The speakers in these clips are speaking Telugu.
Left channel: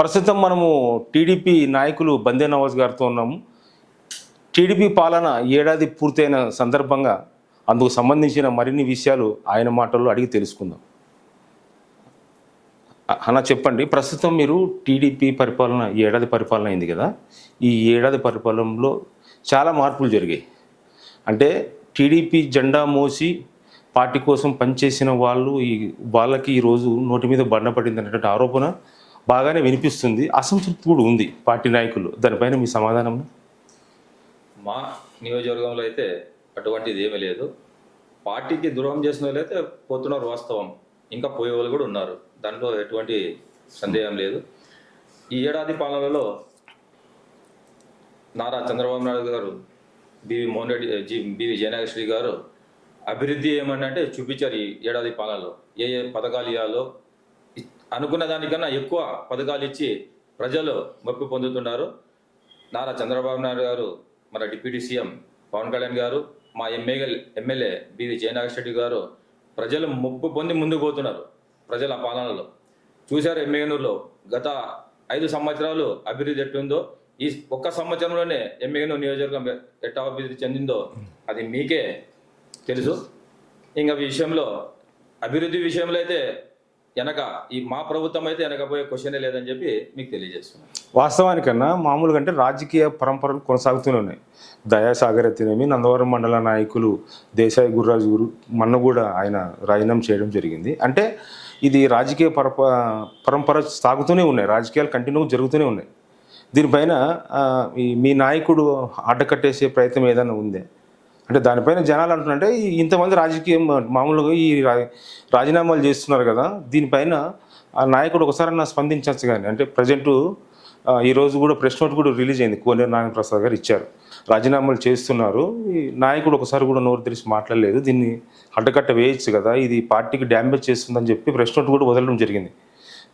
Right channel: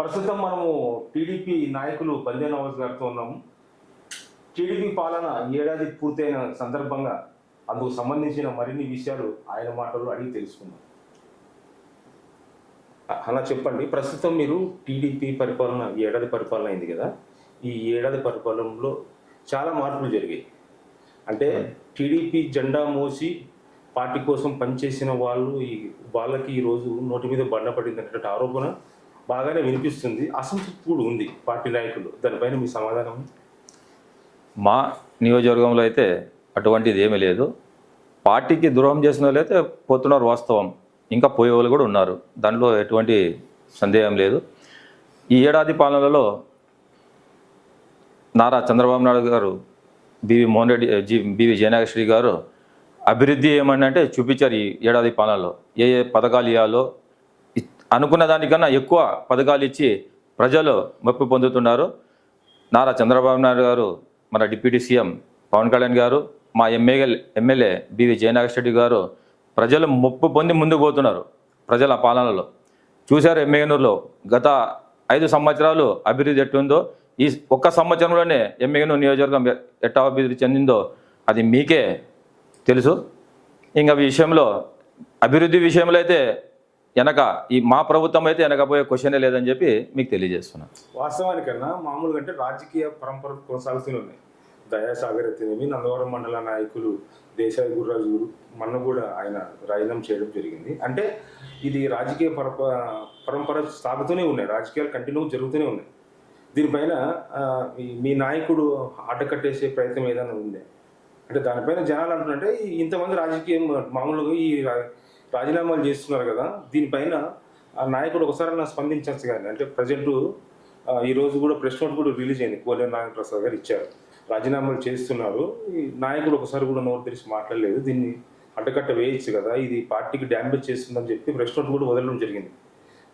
ప్రస్తుతం మనము టీడీపీ నాయకులు బందే నవాజ్ గారితో ఉన్నాము. టీడీపీ పాలన ఏడాది పూర్తయిన సందర్భంగా అందుకు సంబంధించిన మరిన్ని విషయాలు ఆయన మాటల్లో అడిగి తెలుసుకుందాం. అ- అన్న చెప్పండి ప్రస్తుతం మీరు టీడీపీ పరిపాలన ఈ ఏడాది పరిపాలన అయింది కదా? ఈ ఏడాది పరిపాలనలో చాలా మార్పులు జరిగాయి. అంటే టీడీపీ జెండా మోసి పార్టీ కోసం పనిచేసిన వాళ్ళు ఈ వాళ్ళకి ఈరోజు నోటి మీద బండ పడింది అనేటువంటి ఆరోపణ బాగానే వినిపిస్తుంది. అసంతృప్తి కూడా ఉంది పార్టీ నాయకులు. దానిపైన మీ సమాధానం? మా నియోజకవర్గంలో అయితే అటువంటిది ఏమీ లేదు. పార్టీకి ద్రోహం చేసిన వాళ్ళు అయితే పోతున్నారు వాస్తవం. ఇంకా పోయే వాళ్ళు కూడా ఉన్నారు. దానిలో ఎటువంటి సందేహం లేదు. ఈ ఏడాది పాలనలో నారా చంద్రబాబు నాయుడు గారు బివి మోహన్ రెడ్డి జి బివి జయనాగశ్రీ గారు అభివృద్ధి ఏమని అంటే చూపించారు ఈ ఏడాది పాలనలో. ఏ ఏ పథకాలు ఇవ్వాలో అనుకున్న దానికన్నా ఎక్కువ పథకాలు ఇచ్చి ప్రజలు మెప్పు పొందుతున్నారు. నారా చంద్రబాబు నాయుడు గారు మన డిప్యూటీ సీఎం పవన్ కళ్యాణ్ గారు మా ఎమ్మెల్యే ఎమ్మెల్యే బివి జయనాగరెడ్డి గారు ప్రజలు ముప్పు పొంది ముందుకు పోతున్నారు ప్రజల పాలనలో. చూశారు ఎమ్మెగనూరులో గత ఐదు సంవత్సరాలు అభివృద్ధి ఎట్లుందో ఈ ఒక్క సంవత్సరంలోనే ఎమ్మెగనూరు నియోజకవర్గం ఎ- ఎట్టా అభివృద్ధి చెందిందో అది మీకే తెలుసు. ఇంకా విషయంలో అభివృద్ధి విషయంలో అయితే వెనక ఈ మా ప్రభుత్వం అయితే వెనకపోయే క్వశ్చనే లేదని చెప్పి మీకు తెలియజేస్తున్నాను. వాస్తవానికన్నా మామూలుగా అంటే రాజకీయ పరంపరలు కొనసాగుతూనే ఉన్నాయి. దయాసాగర్ ఎత్తినేమి నందవరం మండల నాయకులు దేశాయి గుర్రాజు గురు మొన్న కూడా ఆయన రాజీనామా చేయడం జరిగింది. అంటే ఇది రాజకీయ పరప పరంపర సాగుతూనే ఉన్నాయి. రాజకీయాలు కంటిన్యూ జరుగుతూనే ఉన్నాయి. దీనిపైన ఈ మీ నాయకుడు అడ్డకట్టేసే ప్రయత్నం ఏదైనా ఉందే? అంటే దానిపైన జనాలు అంటున్నారంటే ఇంతమంది రాజకీయం మామూలుగా ఈ రాజీనామాలు చేస్తున్నారు కదా దీనిపైన ఆ నాయకుడు ఒకసారి నా స్పందించవచ్చు కానీ అంటే ప్రజెంటు ఈరోజు కూడా ప్రెస్ నోట్ కూడా రిలీజ్ అయింది కోనేరు నారాయణ ప్రసాద్ గారు ఇచ్చారు. రాజీనామాలు చేస్తున్నారు ఈ నాయకుడు ఒకసారి కూడా నోరు తెరిచి మాట్లాడలేదు దీన్ని అడ్డకట్ట వేయచ్చు కదా ఇది పార్టీకి డ్యామేజ్ చేస్తుందని చెప్పి ప్రెస్ నోట్ కూడా వదలడం జరిగింది.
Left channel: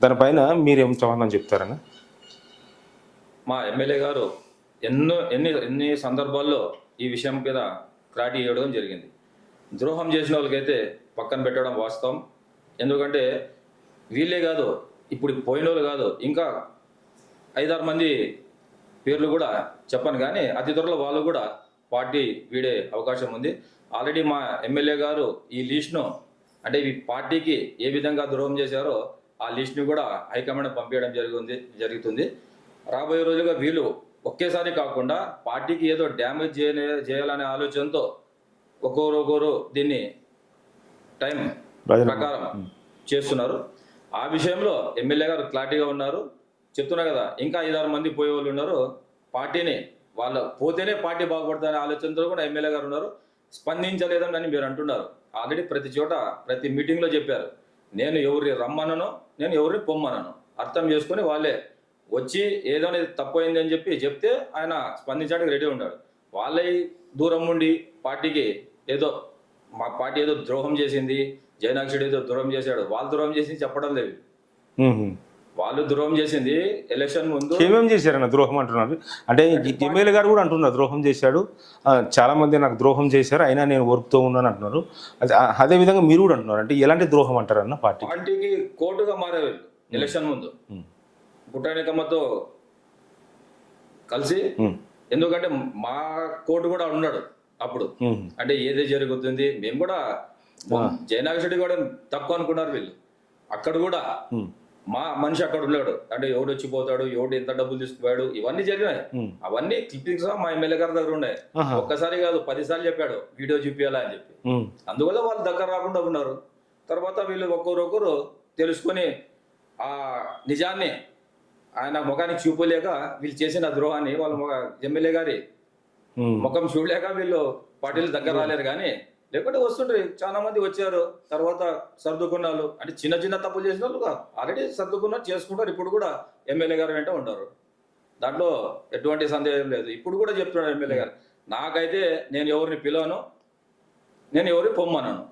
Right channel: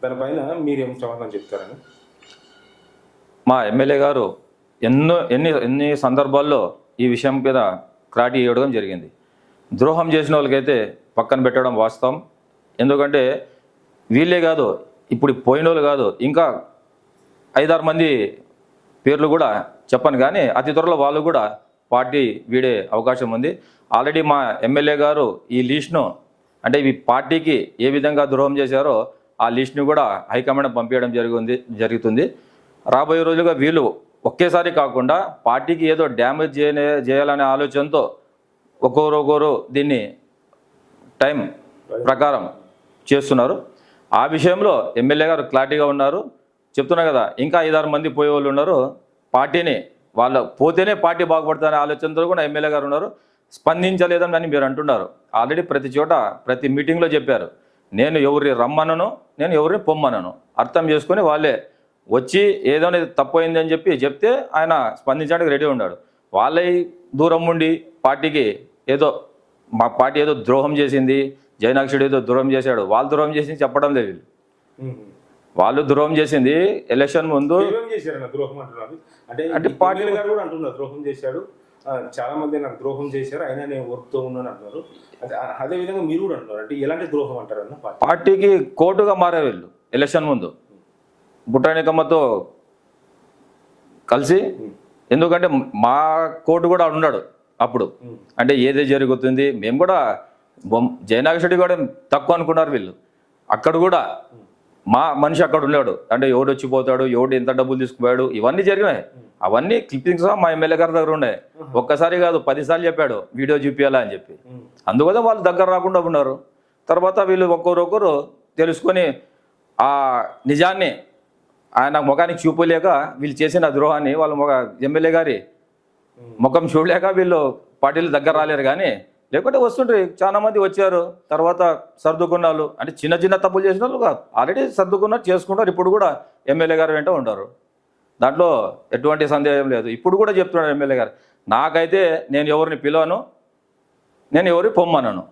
దానిపైన మీరేం సమాధానం చెప్తారని మా ఎమ్మెల్యే గారు ఎన్నో ఎన్ని ఎన్ని సందర్భాల్లో ఈ విషయం మీద క్లారిటీ ఇవ్వడం జరిగింది. ద్రోహం చేసిన వాళ్ళకైతే పక్కన పెట్టడం వాస్తవం. ఎందుకంటే వీళ్ళే కాదు ఇప్పుడు పోయిన వాళ్ళు కాదు ఇంకా ఐదారు మంది పేర్లు కూడా చెప్పను కానీ అతి త్వరలో వాళ్ళు కూడా పార్టీ వీడే అవకాశం ఉంది. ఆల్రెడీ మా ఎమ్మెల్యే గారు ఈ లిస్ట్ను అంటే ఈ పార్టీకి ఏ విధంగా ద్రోహం చేశారో ఆ లిస్ట్ని కూడా హైకమాండ్ పంపించడం జరిగింది జరుగుతుంది. రాబోయే రోజులుగా వీళ్ళు ఒకేసారి కాకుండా పార్టీకి ఏదో డ్యామేజ్ చేయలే చేయాలనే ఆలోచనతో ఒక్కొరు ఒక్కొరు దీన్ని టైం ప్రకారం చేస్తున్నారు. ఆ విషయంలో ఎమ్మెల్యే గారు క్లారిటీగా ఉన్నారు. చెప్తున్నా కదా ఇంకా ఐదారు మంది పోయే వాళ్ళు ఉన్నారు. పార్టీని వాళ్ళ పోతేనే పార్టీ బాగుపడుతుందనే ఆలోచనతో కూడా ఎమ్మెల్యే గారు ఉన్నారు. స్పందించలేదని మీరు అంటున్నారు. ఆల్రెడీ ప్రతి చోట ప్రతి మీటింగ్లో చెప్పారు. నేను ఎవరిని రమ్మనను నేను ఎవరిని పొమ్మనను. అర్థం చేసుకొని వాళ్ళే వచ్చి ఏదో తప్పు అయింది అని చెప్పి చెప్తే ఆయన స్పందించడానికి రెడీ ఉన్నాడు. వాళ్ళే దూరం ఉండి పార్టీకి ఏదో మా పార్టీ ఏదో ద్రోహం చేసింది జయనాక్షుడు ఏదో ద్రోహం చేశాడు వాళ్ళు ద్రోహం చేసింది చెప్పడం లేదు వీళ్ళు. ద్రోహం చేసింది ఎలక్షన్ ముందు ఏమేం చేశారన్న ద్రోహం అంటున్నారు? అంటే ఎమ్మెల్యే గారు కూడా అంటున్నారు ద్రోహం చేశాడు. చాలా మంది నాకు ద్రోహం చేశారు అయినా నేను ఓర్పుతో ఉన్నాను అంటున్నారు. అదే అదే విధంగా మీరు కూడా అంటున్నారు. అంటే ఎలాంటి ద్రోహం అంటారన్న పార్టీ? పార్టీకి కోర్టుగా మారే వీళ్ళు ఎలక్షన్ ముందు. బుట్టానికమ్మతో కలిసి ఎందుకంటే మా కోర్టు కూడా ఉన్నాడు అప్పుడు. అంటే ఏది జరుగుతుంది మేము కూడా జయనాగరెడ్డి కూడా తక్కువ అనుకున్నారు వీళ్ళు. అక్కడ కూడా మా మనిషి అక్కడ ఉన్నాడు. అంటే ఎవడు వచ్చిపోతాడు ఎవడు ఎంత డబ్బులు తీసుకుపోయాడు ఇవన్నీ జరిగినాయి. అవన్నీ క్లిప్పింగ్స్ మా ఎమ్మెల్యే గారి దగ్గర ఉన్నాయి. ఒక్కసారి కాదు పదిసార్లు చెప్పాడు వీడియో చూపించాలా అని చెప్పి. అందువల్ల వాళ్ళు దగ్గర రాకుండా ఉన్నారు. తర్వాత వీళ్ళు ఒక్కొక్కరొకరు తెలుసుకొని ఆ నిజాన్ని ఆయన ముఖానికి చూపలేక వీళ్ళు చేసిన ద్రోహాన్ని వాళ్ళ ముఖ ఎమ్మెల్యే గారి. ముఖం చూడలేక వీళ్ళు పార్టీలు దగ్గర రాలేరు కానీ లేకుంటే వస్తుండ్రి. చాలా మంది వచ్చారు. తర్వాత సర్దుకున్నారు అంటే చిన్న చిన్న తప్పులు చేసిన వాళ్ళు ఆల్రెడీ సర్దుకున్నారు చేసుకుంటారు ఇప్పుడు కూడా ఎమ్మెల్యే గారు వెంట ఉంటారు దాంట్లో ఎటువంటి సందేహం లేదు. ఇప్పుడు కూడా చెప్తున్నాడు ఎమ్మెల్యే గారు. నాకైతే నేను ఎవరిని పిలవను నేను ఎవరిని పొమ్మనను.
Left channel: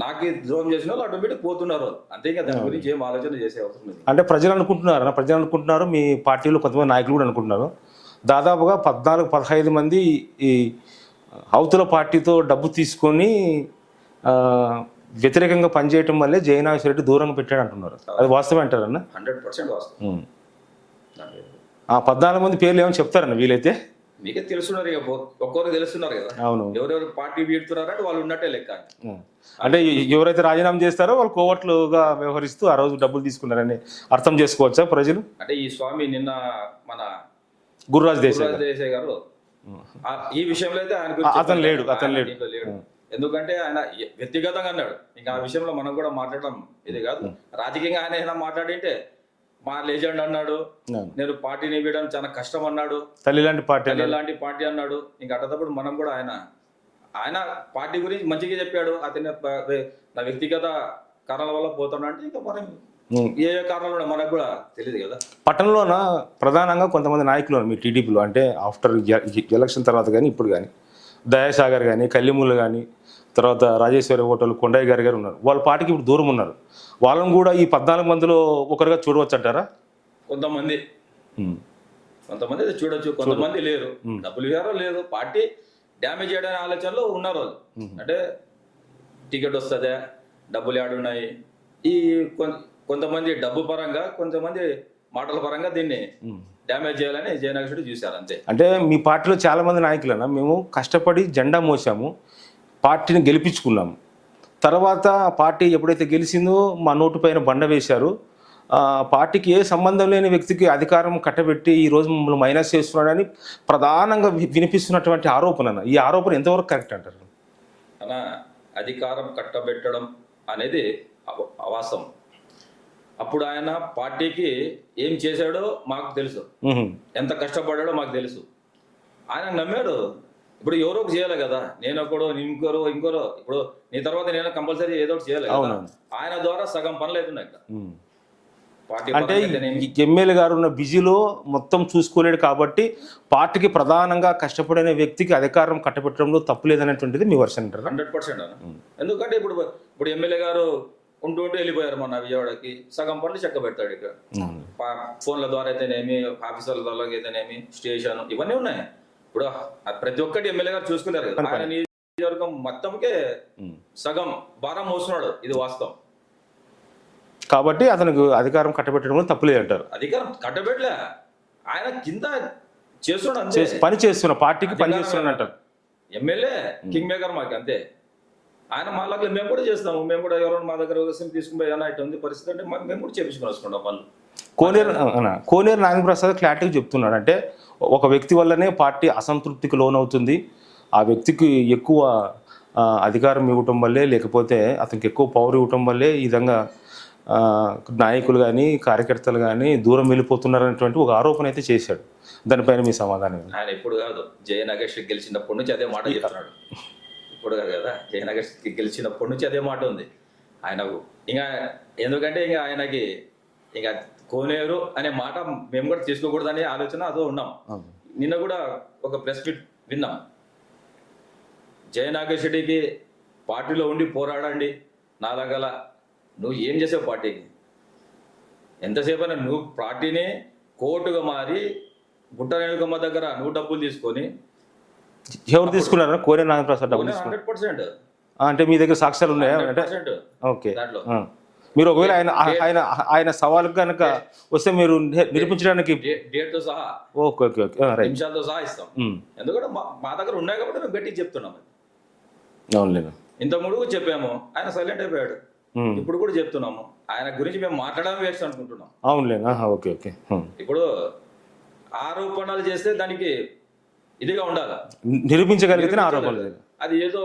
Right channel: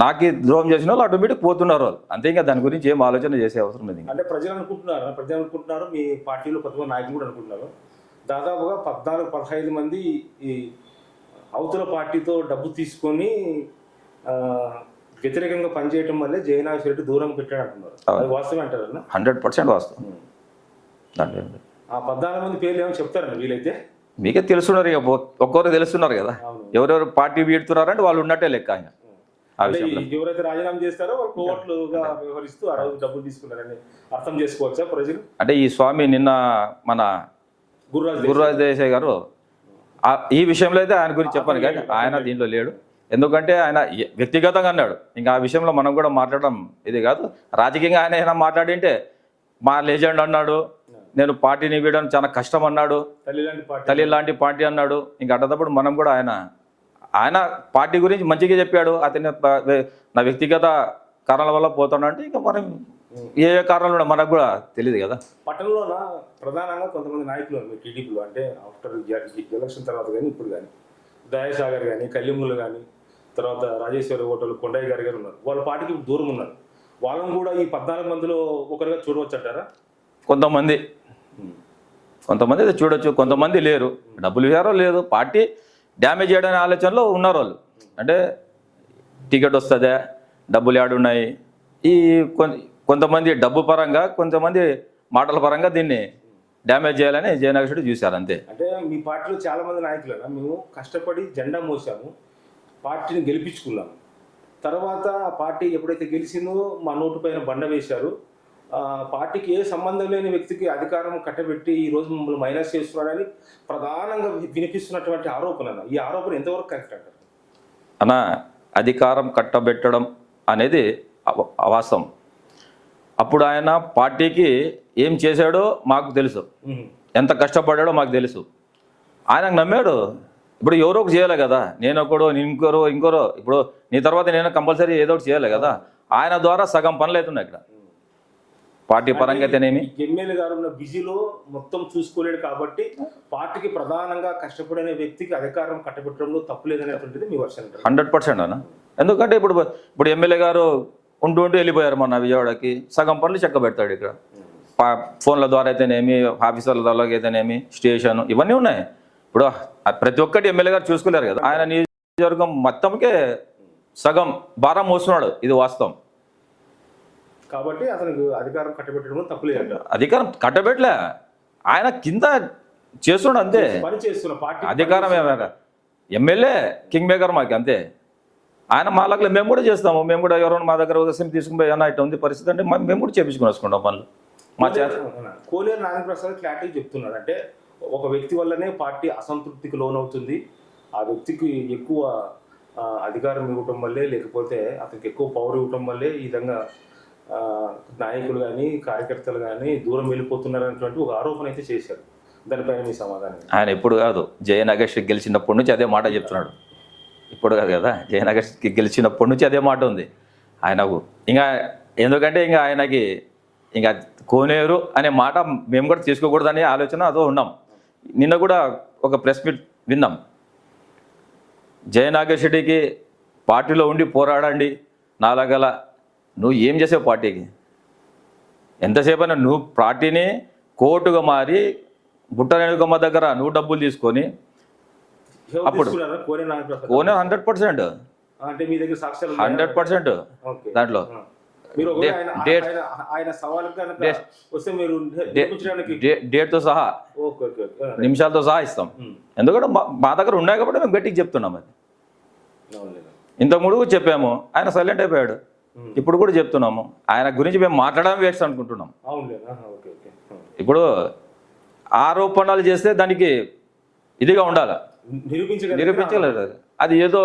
నాకు ద్రోహం చేసిన వాళ్ళు ఆటోమేటిక్ పోతున్నారు వాళ్ళు. అంతే ఇంకా దాని గురించి ఏం ఆలోచన చేసే అవసరం లేదు అంటే ప్రజలు అనుకుంటున్నారు ప్రజలు అనుకుంటున్నారు మీ పార్టీలో కొంతమంది నాయకులు కూడా అనుకుంటున్నారు. దాదాపుగా పద్నాలుగు పదహైదు మంది ఈ అవతల పార్టీతో డబ్బు తీసుకొని వ్యతిరేకంగా పనిచేయటం వల్లే జయనాథ్ రెడ్డి దూరంగా పెట్టాడు అంటున్నారు. అది వాస్తవం అంటారన్న హండ్రెడ్ పర్సెంట్ వాస్తవం. ఆ పద్నాలుగు మంది పేర్లు ఏమని చెప్తారన్న వీలైతే? మీకే తెలుస్తున్నారు ఇక ఒక్కొక్కరు తెలుస్తున్నారు కదా. అవును. ఎవరెవరు పార్టీ వీడుతున్నారంటే వాళ్ళు ఉన్నట్టే లెక్క ఆయన. అంటే ఎవరైతే రాజీనామా చేస్తారో వాళ్ళు కోవట్లుగా వ్యవహరిస్తూ ఆ రోజు డబ్బులు తీసుకున్నారని అర్థం చేసుకోవచ్చా ప్రజలు? అంటే ఈ స్వామి నిన్న మన గురురాజ్ గురురాజ్ దేశాయ్ గారు ఈ విషయంలో అయితే ఆయన గురించి అతను చెప్పండి లేడు, అతను ఆయన లేడు. దీంట్లో లేడు. ఎందుకంటే ఆయన వ్యక్తిగతంగా అన్నాడు. ఇంకా ఆ విషయంలో మనం కూడా మాట్లాడడం ఇది కాదు. రాజకీయంగా ఆయన ఏమైనా మాట్లాడింటే మా లెజెండ్ అన్నాడు. నేను పార్టీని వీయడం చాలా కష్టం అన్నాడు. తల్లి లాంటి పార్టీ తల్లి లాంటి పార్టీ అన్నాడు. ఇంకా అట్టేటప్పుడు మనం కూడా ఆయన ఆయన పార్టీ గురించి మంచిగా చెప్పాడు. అతని నా వ్యక్తిగత కారణాల వల్ల పోతాడు అంటే ఇంకా మనం. ఏ ఏ కారణాలు మనకు కూడా తెలియదు కదా. పట్టణంలోన ప్రధానంగా కొంతమంది నాయకులు మీ టీడీపీలో. అంటే ఆఫ్టర్ ఎలక్షన్ తర్వాత కానీ ఇప్పుడు కానీ. దయాసాగర్ కానీ కల్లిముళ్ళు కానీ తర్వాత రాజేశ్వరి హోటల్ కొండయ్య గారి గారు ఉన్నారు. వాళ్ళ పార్టీకి ఇప్పుడు దూరం ఉన్నారు. వాళ్ళని కూడా ఈ పద్నాలుగు మందిలో ఒకరుగా చూడవచ్చు అంటారా కొంతమంది కొంతమంది అయితే చూడొచ్చు. కొంతమంది లేరు. డబ్బులు ఇవ్వారో లేదు పార్టీ డ్యామేజ్ చేయడానికి ఆలోచనలో ఉన్నారు వాళ్ళు. అంటే టికెట్ వస్తుందా డబ్బులు ఉన్నాయి. ఈ కొంతమంది డబ్బు పరంగా కొంతమంది మాటల పరంగా దీన్ని డ్యామేజ్ చేయాలని జయనగర్ చూశారు అంతే. అంటే మీ పార్టీలో చాలా మంది నాయకులన్నా మేము కష్టపడి జెండా మోసాము. పార్టీని గెలిపించుకున్నాము. తర్వాత ఆ పార్టీ ఎప్పుడైతే గెలిచిందో మా నోటు పైన బండ వేశారు. పార్టీకి ఏ సంబంధం లేని వ్యక్తికి అధికారం కట్టబెట్టి ఈ రోజు మమ్మల్ని మైనస్ చేస్తున్నాడని ప్రధానంగా వినిపిస్తున్నటువంటి ఆరోపణ అన్న. ఈ ఆరోపణ ఎంతవరకు కరెక్ట్ అంటారు? అన్న అధికారం కట్టబెట్టడం అనేది అవాస్తవం. అప్పుడు ఆయన పార్టీకి ఏం చేశాడో మాకు తెలుసు. ఎంత కష్టపడ్డాడో మాకు తెలుసు. ఆయన నమ్మాడు ఇప్పుడు ఎవరో ఒకటి చేయాలి కదా. నేను ఒకడు ఇంకోరో ఇంకోరో. ఇప్పుడు నీ తర్వాత నేను కంపల్సరీ ఏదో ఒకటి చేయాలి కదా. ఆయన ద్వారా సగం పనులు అవుతున్నాయి ఇక్కడ. పార్టీ పరంగా ఎమ్మెల్యే గారు ఉన్న బిజీలో మొత్తం చూసుకోలేడు కాబట్టి పార్టీకి ప్రధానంగా కష్టపడిన వ్యక్తికి అధికారం కట్టబెట్టడంలో తప్పు లేదనేటువంటిది మీ వర్షన్ హండ్రెడ్ పర్సెంట్ అన్న. ఎందుకంటే ఇప్పుడు ఇప్పుడు ఎమ్మెల్యే గారు ఉంటూ ఉంటూ వెళ్ళిపోయారు మొన్న విజయవాడకి. సగం పనులు చెక్క పెడతాడు ఇక్కడ ఫోన్ల ద్వారా అయితేనేమి ఆఫీసర్ల ద్వారా అయితేనేమి స్టేషన్ ఇవన్నీ ఉన్నాయి. ఇప్పుడు ప్రతి ఒక్కటి ఎమ్మెల్యే గారు చూసుకోలేరు కదా. ఆయన నియోజకవర్గం మొత్తంకే సగం భారం మోస్తున్నాడు ఇది వాస్తవం. కాబట్టి అతనికి అధికారం కట్టబెట్టడంలో తప్పు లేదంటారు. అధికారం కట్టబెట్టలే. ఆయన కింద చేస్తున్నాడు అంతే. పని చేస్తున్న పార్టీకి పని అధికారం. ఏమంట ఎమ్మెల్యే కింగ్ మేకర్ మాకు అంతే. ఆయన మా లగ్లో మేము కూడా చేస్తాము. మేము కూడా ఎవరైనా మా దగ్గర ఒక సిమ్ తీసుకుని పోయి ఏమన్నా ఇట్లా ఉంది పరిస్థితి అంటే మేము కూడా చేపించుకుని వస్తున్నాం పనులు. కోనేరు కోనేరు నాగప్రసాద్ క్లారిటీగా చెప్తున్నాడు. అంటే ఒక వ్యక్తి వల్లనే పార్టీ అసంతృప్తికి లోనవుతుంది. ఆ వ్యక్తికి ఎక్కువ అధికారం ఇవ్వటం వల్లే లేకపోతే అతనికి ఎక్కువ పవర్ ఇవ్వటం వల్లే ఈ విధంగా నాయకులు కానీ కార్యకర్తలు కానీ దూరం వెళ్ళిపోతున్నారనేటువంటి ఒక ఆరోపణ అయితే చేశాడు. దానిపైన మీ సమాధానం? ఆయన ఇప్పుడు కాదు జయనగర్ గెలిచినప్పటి నుంచి అదే మాట చెప్తున్నాడు. ఇప్పుడు కాదు కదా జయనగర్ గెలిచినప్పటి నుంచి అదే మాట ఉంది. ఆయనకు ఇంకా ఎందుకంటే ఇంకా ఆయనకి ఇంకా కోనేరు అనే మాట మేము కూడా తీసుకోకూడదనే ఆలోచన అదో ఉన్నాం. నిన్న కూడా ఒక ప్రెస్ మీట్ విన్నాం. జయనాగర్ రెడ్డికి పార్టీలో ఉండి పోరాడండి నాలాగల నువ్వు ఏం చేసావు పార్టీకి? ఎంతసేపు అయినా నువ్వు పార్టీని కోర్టుగా మారి బుట్టరేణుకమ్మ దగ్గర నువ్వు డబ్బులు తీసుకొని ఎవరు తీసుకున్నారా Koneru Nagaprasad one hundred percent. అంటే మీ దగ్గర సాక్ష్యాలు ఉన్నాయా? Hundred percent. ఓకే. దాంట్లో. మీరు ఒకవేళ ఆయన ఆయన ఆయన సవాల్ కనుక వస్తే మీరు ని- నిరూపించడానికి డేట్తో సహా ఓకే ఓకే ఓకే. నిమిషాలతో సహా ఇస్తాం. ఎందుకంటే మా- దగ్గర ఉన్నాయి కాబట్టి మేము గట్టిగా చెప్తున్నాం అది. అవునులేండి ఇంత ముడుగు చెప్పాము ఆయన సైలెంట్ అయిపోయాడు. ఇప్పుడు కూడా చెప్తున్నాము ఆయన గురించి మేము మాట్లాడడం వేస్ట్ అనుకుంటున్నాం. అవునులేండి ఆహా, ఓకే ఓకే. ఇప్పుడు ఆరోపణలు చేస్తే దానికి ఇదిగా ఉండాలి. నిరూపించగలిగితే. అది. ఏదో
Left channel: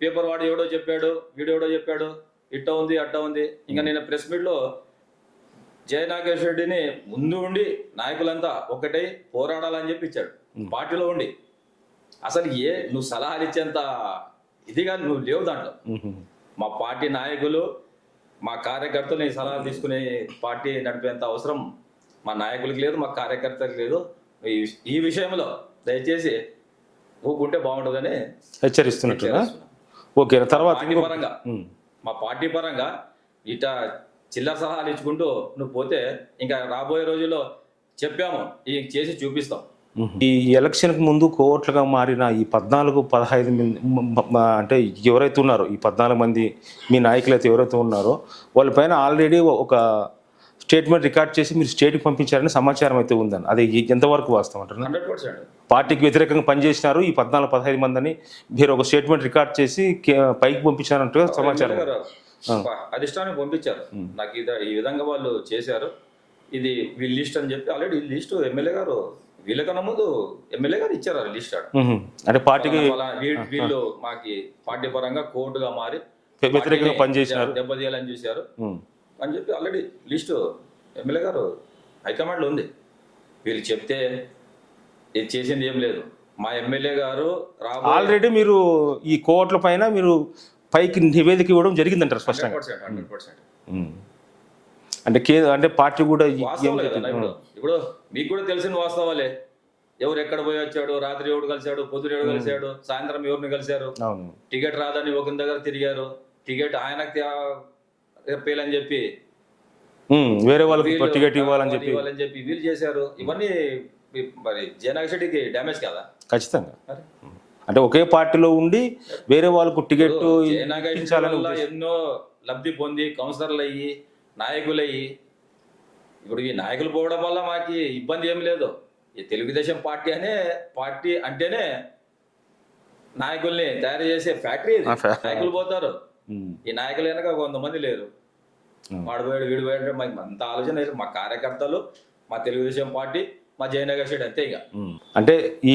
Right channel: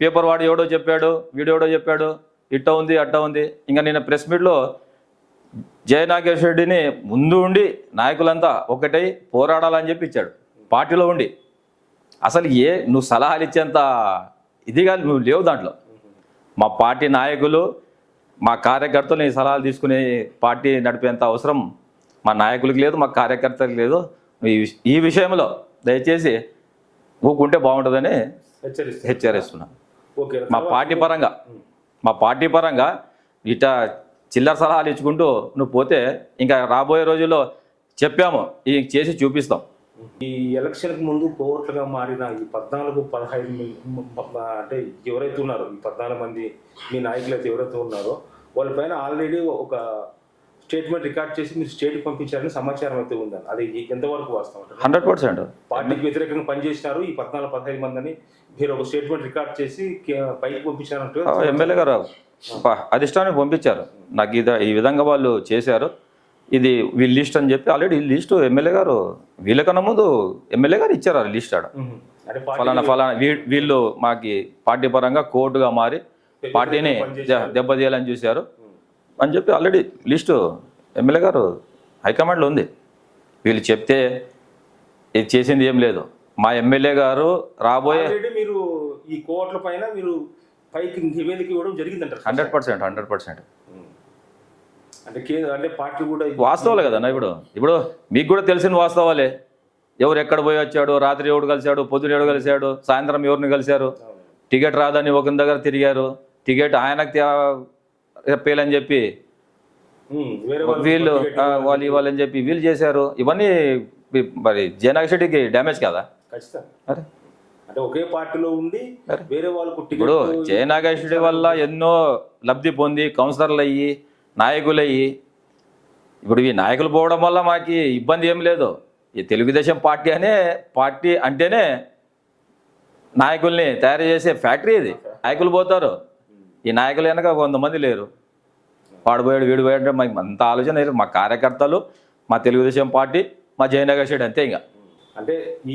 పేపర్ వాడు ఎవడో చెప్పాడు వీడు ఎవడో చెప్పాడు ఇట్ట ఉంది అట్ట ఉంది. ఇంకా నేను ప్రెస్ మీట్లో జయనాగేశ్వర రెడ్డిని ముందు ఉండి నాయకులంతా ఒకటై పోరాడాలని చెప్పి ఇచ్చాడు. పార్టీలో ఉండి. అసలు ఏ నువ్వు సలహాలు ఇచ్చేంత ఇదిగా నువ్వు లేవు దాంట్లో. మా పార్టీ నాయకులు మా కార్యకర్తలు నీ సలహాలు తీసుకునే పార్టీ నడిపేంత అవసరం మా నాయకులకి లేదు మా కార్యకర్తలకు లేదు. ఈ విష- ఈ విషయంలో దయచేసి ఊకుంటే బాగుంటుందని హెచ్చరిస్తున్నారు హెచ్చరిస్తున్నాను ఓకే పార్టీ పరంగా. మా పార్టీ పరంగా ఇట్లా చిల్లర సలహాలు ఇచ్చుకుంటూ నువ్వు పోతే ఇంకా రాబోయే రోజుల్లో చెప్పాము. ఈ చేసి చూపిస్తాం. ఈ ఎలక్షన్కి ముందు కోట్లుగా మారిన ఈ పద్నాలుగు పదహైదు మంది అంటే ఎవరైతే ఉన్నారో ఈ పద్నాలుగు మంది మీ నాయకులు అయితే ఎవరైతే ఉన్నారో వాళ్ళపైన ఆల్రెడీ ఒక స్టేట్మెంట్ రికార్డ్ చేసి మీరు స్టేట్కి పంపించారని సమాచారం అయితే ఉందని అది ఎంతవరకు వాస్తవం అంటారు హండ్రెడ్ పర్సెంట్. పార్టీకి వ్యతిరేకంగా పనిచేసినారు. ఈ పద్నాలుగు పదహైదు మందిని మీరు ఒక స్టేట్మెంట్ రికార్డ్ చేసి పైకి పంపించారంటూ ఎమ్మెల్యే గారు అధిష్టానికి పంపించారు. నాకు ఇది ఈ విధంగా వాళ్ళు చేశారు. ఇది వీళ్ళ లిస్ట్ అని చెప్పి ఆల్రెడీ లిస్ట్ ఎమ్మెల్యే గారు వీళ్ళకన్నా ముందు ఎమ్మెల్యే గారు ఇచ్చారు ఆ లిస్ట్ ఆడ. అంటే పార్టీ ఫలానా వీళ్ళు మాకి పార్టీ పరంగా కోర్టుగా మారి పార్టీని. దెబ్బతీయాలని చూశారు. అని చెప్పి ఆల్రెడీ లిస్టు ఎమ్మెల్యే గారు హైకమాండ్లో ఉంది. వీళ్ళు చెప్తే ఇది చేసింది ఏం లేదు. మా ఎమ్మెల్యే గారు రాబోయే ఆల్రెడీ మీరు ఈ కోర్టుల పైన మీరు పైకి నివేదిక ఇవ్వడం జరిగిందంటారు. Hundred percent hundred percent. అంటే కే అంటే పార్టీ కూడా వాస్తవాలే కదా ఇప్పుడు. ఇప్పుడు మీకు కూడా తెలిసిన వాస్తవాలే. ఎవరు ఎక్కడ పోయి వచ్చాడు? రాత్రి ఎవడు కలిశాడు? పొద్దున ఎవడు కలిశాడు? సాయంత్రం ఎవరిని కలిశారు? టికెట్ రాదని ఒకరి దగ్గర తిరిగారు. టికెట్ ఆయనకు చెప్పేయాలని చెప్పి. వేరే వీళ్ళు వాళ్ళు చెప్పి. ఇవ్వాలని చెప్పి వీళ్ళు చేశారు. ఇవన్నీ మరి జయనాగ శెట్టికి డ్యామేజ్ కదా? ఖచ్చితంగా. అరే. అంటే ఒకే పార్టీలో ఉండి వేరే వాళ్ళకు టికెట్ జయనాగేశ్వరి వల్ల ఎన్నో లబ్ధి పొంది కౌన్సిలర్లు అయ్యి నాయకులు అయ్యి ఇప్పుడు ఈ నాయకులు పోవడం వల్ల మాకు ఇబ్బంది ఏం లేదు. ఈ తెలుగుదేశం పార్టీ అనే పార్టీ అంటేనే నాయకుల్ని తయారు చేసే ఫ్యాక్టరీ నాయకులు పోతారు. ఈ నాయకులు వెనక కొంతమంది లేరు. వాడు పోయాడు వీడు పోయాడు మాకు అంత ఆలోచన లేదు. మా కార్యకర్తలు మా తెలుగుదేశం పార్టీ మా జయనగర్ శెట్టి అంతే ఇంకా. అంటే ఈ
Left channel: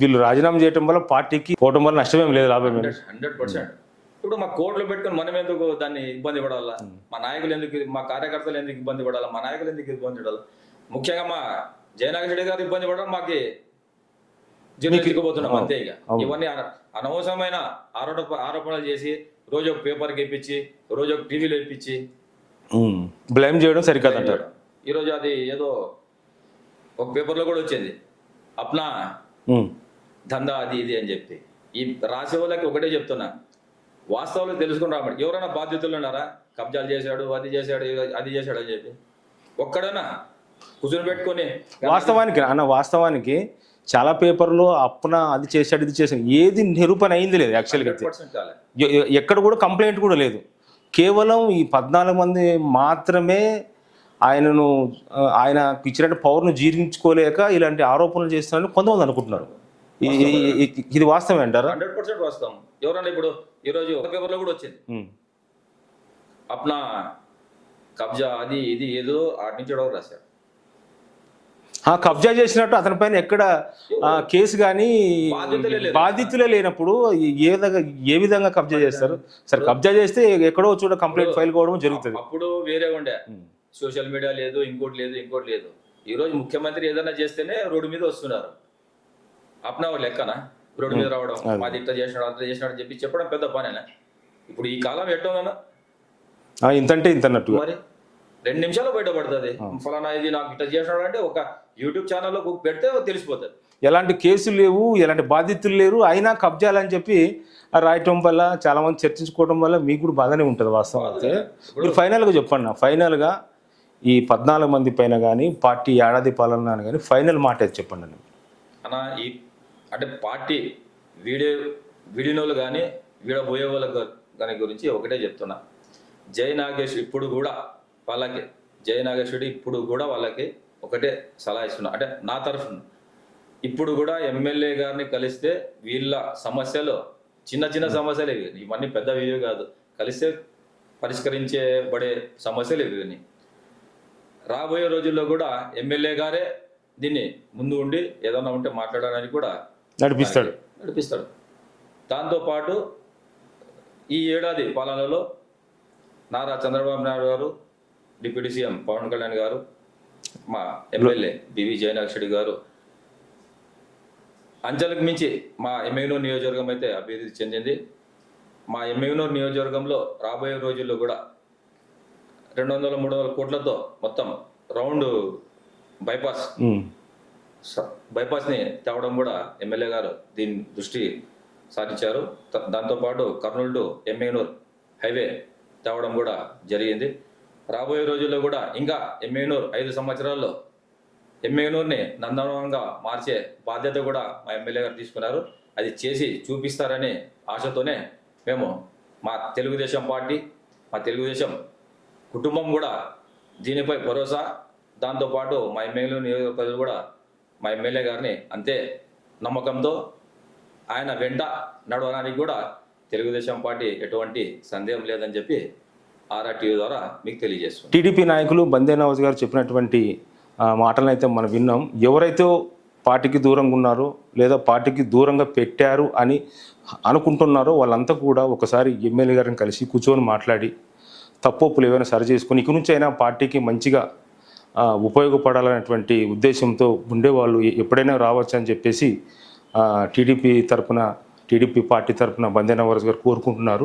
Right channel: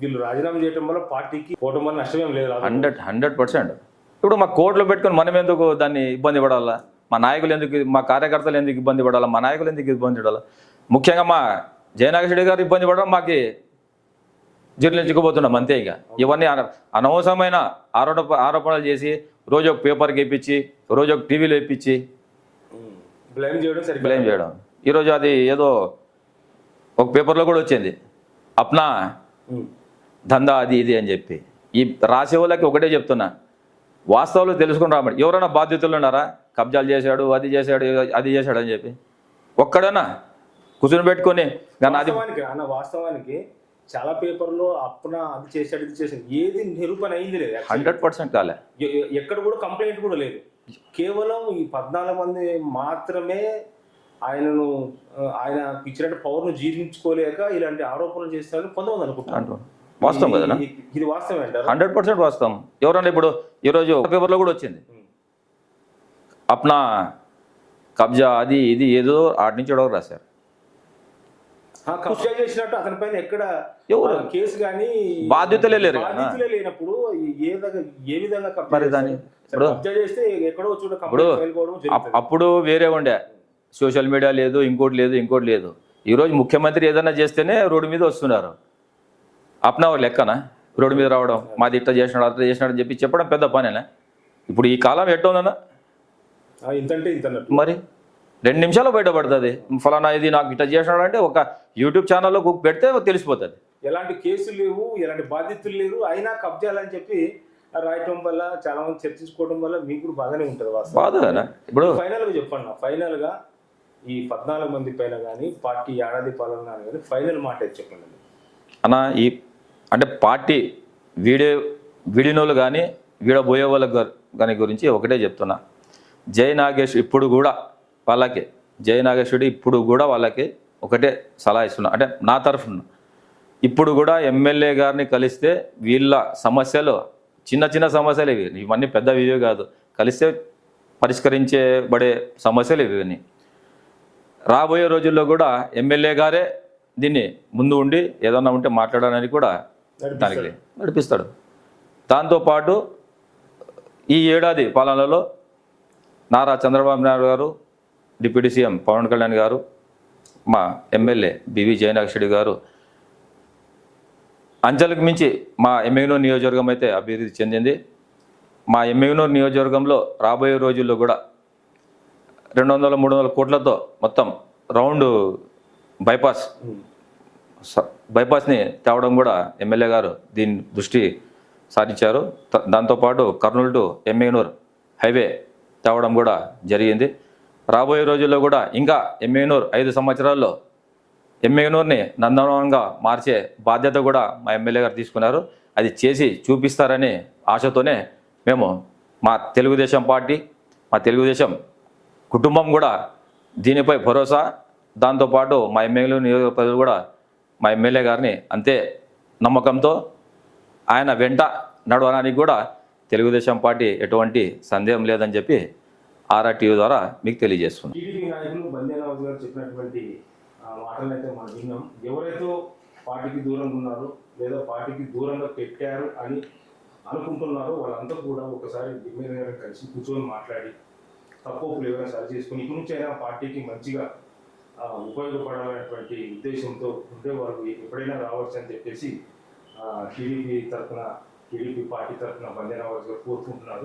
వీళ్ళు రాజీనామా చేయడం వల్ల పార్టీకి పోవడం వల్ల నష్టమేం లేదు హండ్రెడ్ హండ్రెడ్ పర్సెంట్. ఇప్పుడు మా కోర్టులో పెట్టుకొని మనం ఎందుకు దాన్ని ఇబ్బంది పడాలా? మా నాయకులు ఎందుకు మా కార్యకర్తలు ఎందుకు ఇబ్బంది పడాలా? మా నాయకులు ఎందుకు ఇబ్బంది పడాలా? ముఖ్యంగా మా జయనాగర్ రెడ్డి గారు ఇబ్బంది పడడం మాకు జీర్ణించుకోబోతున్నాం అంతే ఇక. ఇవన్నీ అన- అనవసరమైన ఆరోప ఆరోపణలు చేసి రోజు ఒక పేపర్కి ఇప్పించి రోజు ఒక టీవీలో ఇప్పించి బ్లేమ్ చేయడం సరికాదు ఏం చేయడం. ఈరోజు అది ఏదో ఒక పేపర్లో కూడా వచ్చింది. అప్నా దందా అది ఇది అని చెప్పి. ఈ రాసే వాళ్ళకి ఒకటే చెప్తున్నా. వాస్తవాలు తెలుసుకుని రాబడి ఎవరైనా బాధ్యతలు ఉన్నారా? కబ్జాలు చేశాడు అది చేశాడు అది చేశాడు అని చెప్పి. ఒక్కడనా కూర్చొని పెట్టుకొని "గన్నా అది- వాస్తవానికి అన్న వాస్తవానికి చాలా పేపర్లో అప్పున అది చేశాడు ఇది చేశాడు. ఏది నిరూపణ అయింది లేదు యాక్చువల్గా పర్సెంట్ కాలే. ఎక్కడ కూడా కంప్లైంట్ కూడా లేదు. కేవలం ఈ పద్నాలుగు మంది మాత్రమే ఆయనను ఆయన ఇచ్చినట్టు పవర్ను జీర్ణించుకోలేక ఇలాంటి ఆరోపణలు చేస్తున్నారని కొంతమంది? ఈ- ఇది వాస్తవం అంటారా? హండ్రెడ్ పర్సెంట్ వాస్తవం. ఎవరన్నా ఇప్పుడు? ఈరోజు పేపర్లో కూడా వచ్చింది. అప్నా కబ్జా అది ఇది ఏదో ఆటి నుంచి రాశారు. కబ్జా చేసినట్టు అతని పైన ఎక్కడ కేసు కానీ బాధ్యతలే లేరు. కదా. బాధితులే లేనప్పుడు ఏ విధంగా ఏ విధంగా కబ్జా చేస్తారు సరే. కబ్జా చేస్తే ఎక్కడో చోట కంప్లైంట్ ఫైల్ కావడం జరుగుతుంది. అప్- అప్పుడు వేరే ఉండే. సోషల్ మీడియా లేదు ఇంకోటి లేదు ఇంకోటి లేదు. ఈరోజు ముఖ్యమంత్రి ఏదైనా చేస్తేనే రోడ్డు మీద వస్తున్నారు. అప్నా వాళ్ళు లెక్కనా? రోడ్డు మీద రావడం మాది ఇట్లా చేసినాడు అట్లా చేసినాడు అని చెప్పి చెప్పడం పెద్ద పనేనా? ఇప్పుడు ఈ కాలం ఎట్లా ఉందన్నా ఇంతంటే ఇంత అన్నట్టు మరి? రెండు నిమిషాలు బయటపడుతుంది. ఫలానా ఇది నాకు ఇట్లా చేసినాడు అంటే ఒక యూట్యూబ్ ఛానల్లో పెడితే తెలిసిపోతుంది. ఎలాంటి కేసులు లేవు ఎలాంటి బాధితులు లేరు అయినా కబ్జాలని చెప్పి రాయటం వల్ల చాలా మంది చర్చించుకోవడం వల్ల మీకు కూడా బాగానే ఉంటుంది వాస్తవం బాధేనా? ఇప్పుడు ఫైనల్గా చెప్పండి. ఫైనల్గా ఈ పద్నాలుగు మంది పైన కానీ పార్టీ ఏడాది పాలన కానీ ఫైనల్ మాట ఏది చెప్పండి అని అన్న ఈ అంటే పార్టీ వీడియో వీడినోళ్ళు కానీ వీడబోయే వాళ్ళ కానీ గురించి ఒకటే చెప్తున్నా. జై నాగేష్ ఇప్పుడు కూడా వాళ్ళకి జై నాగేశ్వరుడు ఇప్పుడు కూడా వాళ్ళకి ఒకటే సలహా ఇస్తున్నా. అంటే నా తరఫున. ఇప్పుడు కూడా ఎమ్మెల్యే గారిని కలిస్తే వీళ్ళ సమస్యలు చిన్న చిన్న సమస్యలు ఇవి. ఇవన్నీ పెద్ద ఇవి కాదు. కలిస్తే పరిష్కరించబడే సమస్యలు ఇవన్నీ రాబోయే రోజుల్లో కూడా ఎమ్మెల్యే గారే దీన్ని ముందు ఉండి ఏదన్నా ఉంటే మాట్లాడడానికి కూడా నడిపిస్తాడు. నడిపిస్తాడు. దాంతోపాటు ఈ ఏడాది పాలనలో నారా చంద్రబాబు నాయుడు గారు డిప్యూటీ సీఎం పవన్ కళ్యాణ్ గారు మా ఎమ్మెల్యే బివి జయనాక్షి గారు అంచెలకు మించి మా ఎమ్మెగ్నూర్ నియోజకవర్గం అయితే అభివృద్ధి చెందింది. మా ఎమ్మెగ్నూర్ నియోజకవర్గంలో రాబోయే రోజుల్లో కూడా రెండు వందల మూడు వందల కోట్లతో మొత్తం రౌండ్ బైపాస్ బైపాస్ని తేవడం కూడా ఎమ్మెల్యే గారు దీని దృష్టి సారించారు. త- దాంతోపాటు కర్నూలు టు ఎమ్మెగనూర్ హైవే తేవడం కూడా జరిగింది. రాబోయే రోజుల్లో కూడా ఇంకా ఎమ్మెనూర్ ఐదు సంవత్సరాల్లో ఎమ్మెనూర్ని నందనవనంగా మార్చే బాధ్యత కూడా మా ఎమ్మెల్యే గారు తీసుకున్నారు. అది చేసి చూపిస్తారని ఆశతోనే మేము మా తెలుగుదేశం పార్టీ మా తెలుగుదేశం కుటుంబం కూడా దీనిపై భరోసా దాంతోపాటు మా ఎమ్మెల్యే నియోజకవర్గాలు కూడా మా ఎమ్మెల్యే గారిని అంతే నమ్మకంతో ఆయన వెంట నడవడానికి కూడా తెలుగుదేశం పార్టీ ఎటువంటి సందేహం లేదని చెప్పి ఆర్ఆర్టీవీ ద్వారా మీకు తెలియజేస్తుంది. టీడీపీ నాయకులు బందే నవాజ్ గారు చెప్పినటువంటి మాటలను అయితే మనం విన్నాం. ఎవరైతే పార్టీకి దూరంగా ఉన్నారో లేదా పార్టీకి దూరంగా పెట్టారు అని అనుకుంటున్నారో వాళ్ళంతా కూడా ఒకసారి ఎమ్మెల్యే గారిని కలిసి కూర్చొని మాట్లాడి తప్పులు ఏమైనా సరి చేసుకొని ఇక నుంచి అయినా పార్టీకి మంచిగా ఉపయోగపడాలనేటువంటి ఉద్దేశంతో ఉండేవాళ్ళు ఎప్పుడైనా రావచ్చు అని చెప్పేసి టీడీపీ తరఫున టీడీపీ పార్టీ తరఫున బందే నవాజ్ గారు కోరుకుంటున్నారు.